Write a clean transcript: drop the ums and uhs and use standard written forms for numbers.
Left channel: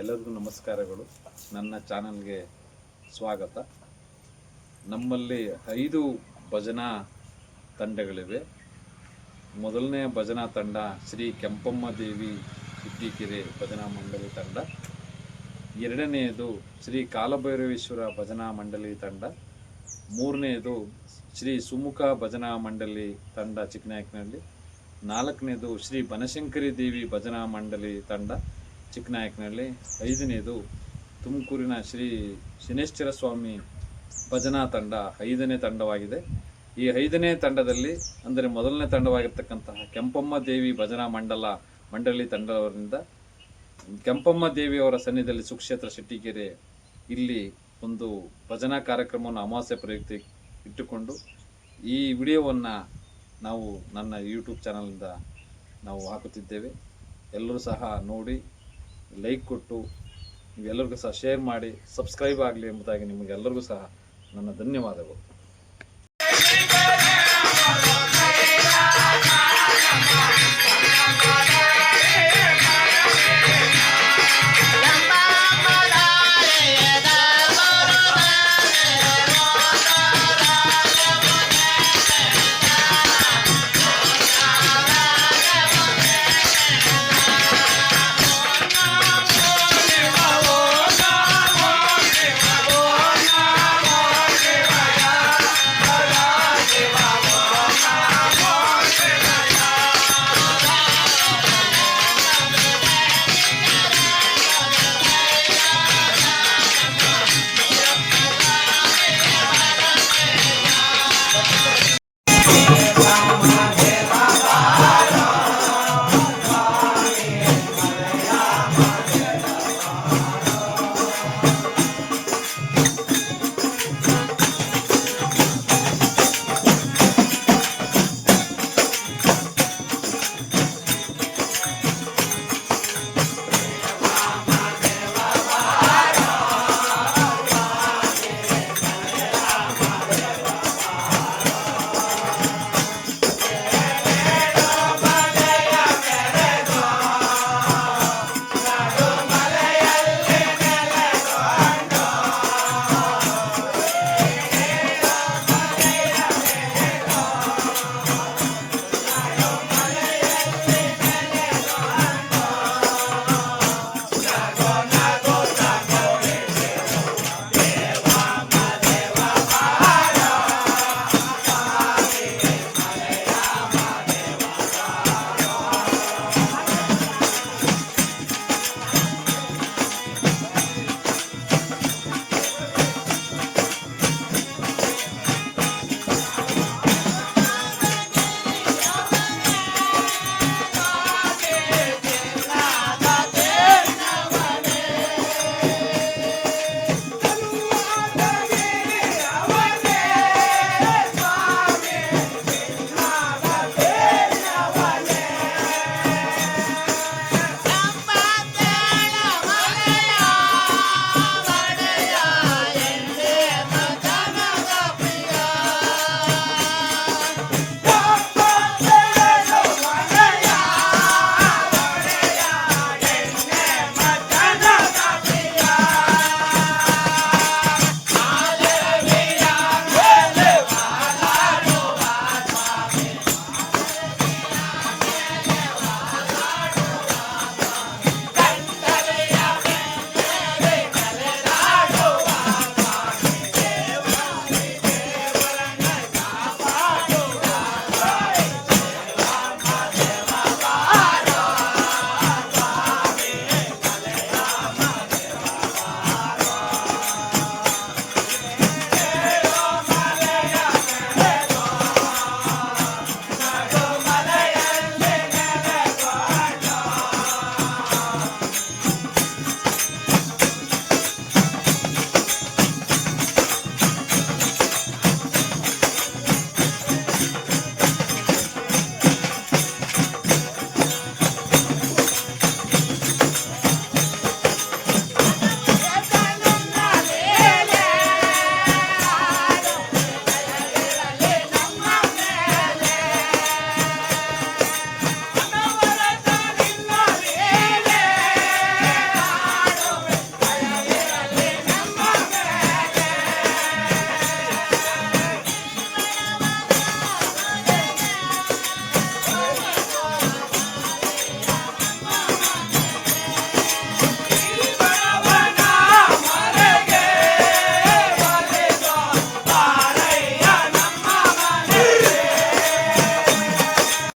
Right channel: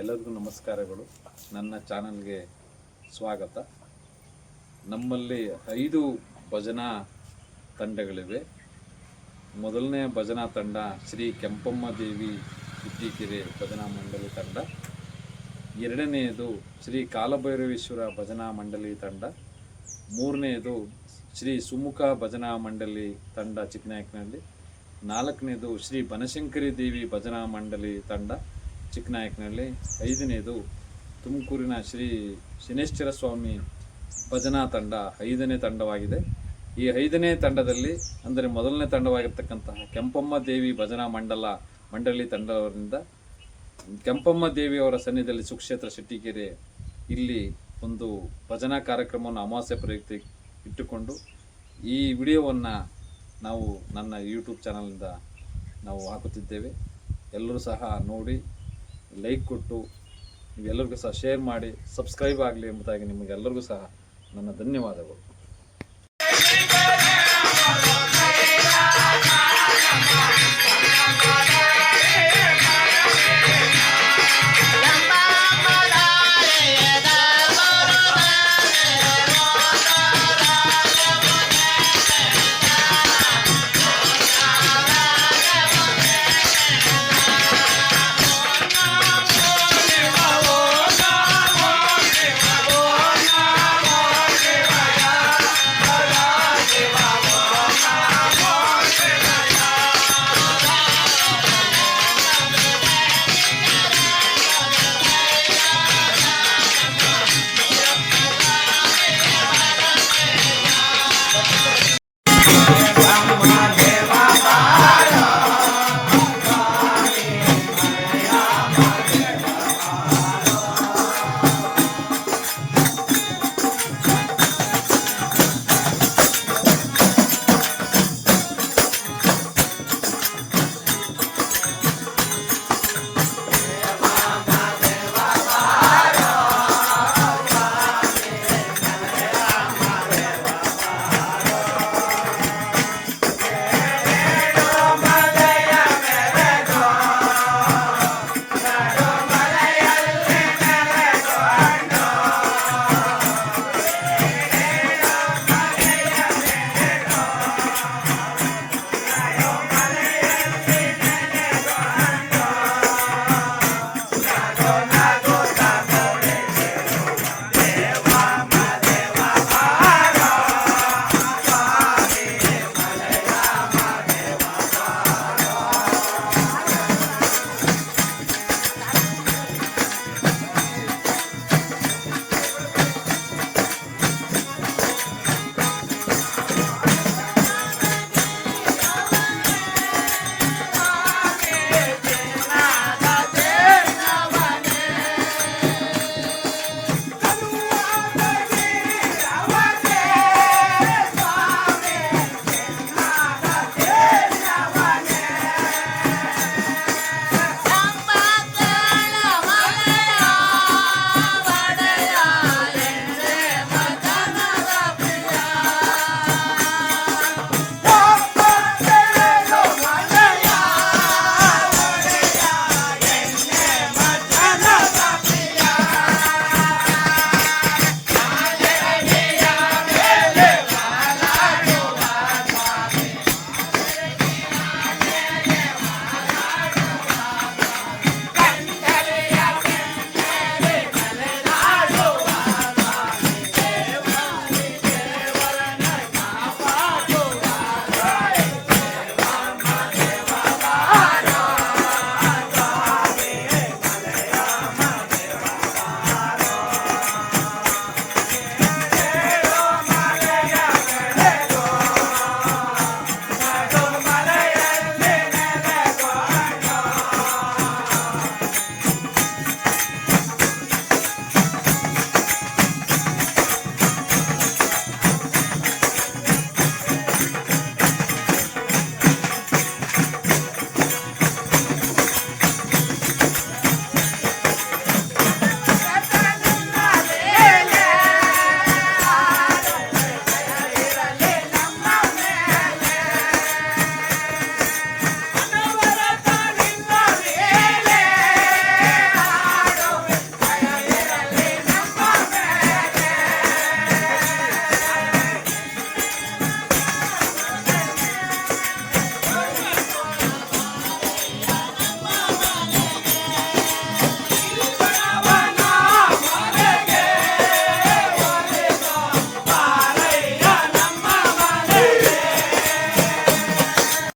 ಎಲ್ಲರಿಗೂ ನಮಸ್ಕಾರಗಳು. ನನ್ನ ಚಾನಲ್ಗೆ ಸ್ವಾಗತ. ನಮ್ಮಲ್ಲಿ 5 ಭಜನಾ ತಂಡಗಳಿವೆ. ಮೊದಲನೇ ಭಜನಾ ತಂಡ ಶ್ರೀ ಕೆಂಪಮ್ಮ ದೇವಿ ಸಿದ್ದಿಕೆರೆ ಭಜನಾ ಮಂಡಳಿ ತಂಡ. ಎರಡನೆಯದು ಶ್ರೀ ಕಾಲಭೈರವೇಶ್ವರ ಭಜನಾ ಮಂಡಳಿ ತಂಡ. ಮೂರನೆಯದು ಶ್ರೀ ಸುಮುಖ ಭಜನಾ ಮಂಡಳಿ ತಂಡ ಚಿಕ್ಕನಾಯಕನಹಳ್ಳಿ. ನಾಲ್ಕನೇದು ಶ್ರೀ ಬನಶಂಕರಿ ದೇವಿ ಭಜನಾ ಮಂಡಳಿ ತಂಡ ಚಿಕ್ಕನಾಯಕನಹಳ್ಳಿ. ಐದನೇದು ತುಮಕೂರಿನ ಶ್ರೀ ಶನೇಶ್ವರ ಸ್ವಾಮಿ ಭಜನಾ ತಂಡ 5ನೇ ತಂಡವಾಗಿದೆ. ಈ 5ನೇ ತಂಡದಲ್ಲಿ ಅಂದರೆ ಮೊದಲನೇ ತಂಡವಾಗಿರ್ತಕ್ಕಂತಹ ಕೆಂಪಮ್ಮ ದೇವಿ ಭಜನಾ ಮಂಡಳಿ ತಂಡವರಿಂದ ಕೆಂಪಮ್ಮ ದೇವಿಯವರ ಸನ್ನಿಧಿಯಲ್ಲಿ ಸುಕ್ಷೇತ್ರ ಶೆಟ್ಟಿಕೆರೆ ಇಲ್ಲಿ ಒಂದು ಭಜನಾ ಕಾರ್ಯಕ್ರಮವನ್ನು ಅಮಾವಾಸ್ಯೆ ಪ್ರಯುಕ್ತ ಇಟ್ಟುಕೊಂಡು ಈ ವಿಡಿಯೋವನ್ನು ನಾವು ನನ್ನ ಯೂಟ್ಯೂಬ್ ಚಾನಲಿಂದ ನಾವು ಹಾಕುತ್ತಿದ್ದೇವೆ. ಎಲ್ಲರೂ ಸಹ ನೋಡಿ ಲೈಕ್ ಕೊಟ್ಟು ನೀವೆಲ್ಲರಿಗೂ ಸಹ ಶೇರ್ ಮಾಡಿ ಸಬ್ಸ್ಕ್ರೈಬ್ ಆಗಲಿ ಎಂಬುದಾಗಿ ನಿಮಗೆಲ್ಲರಿಗೂ ಸಹ ನನ್ನ ಧನ್ಯವಾದಗಳು.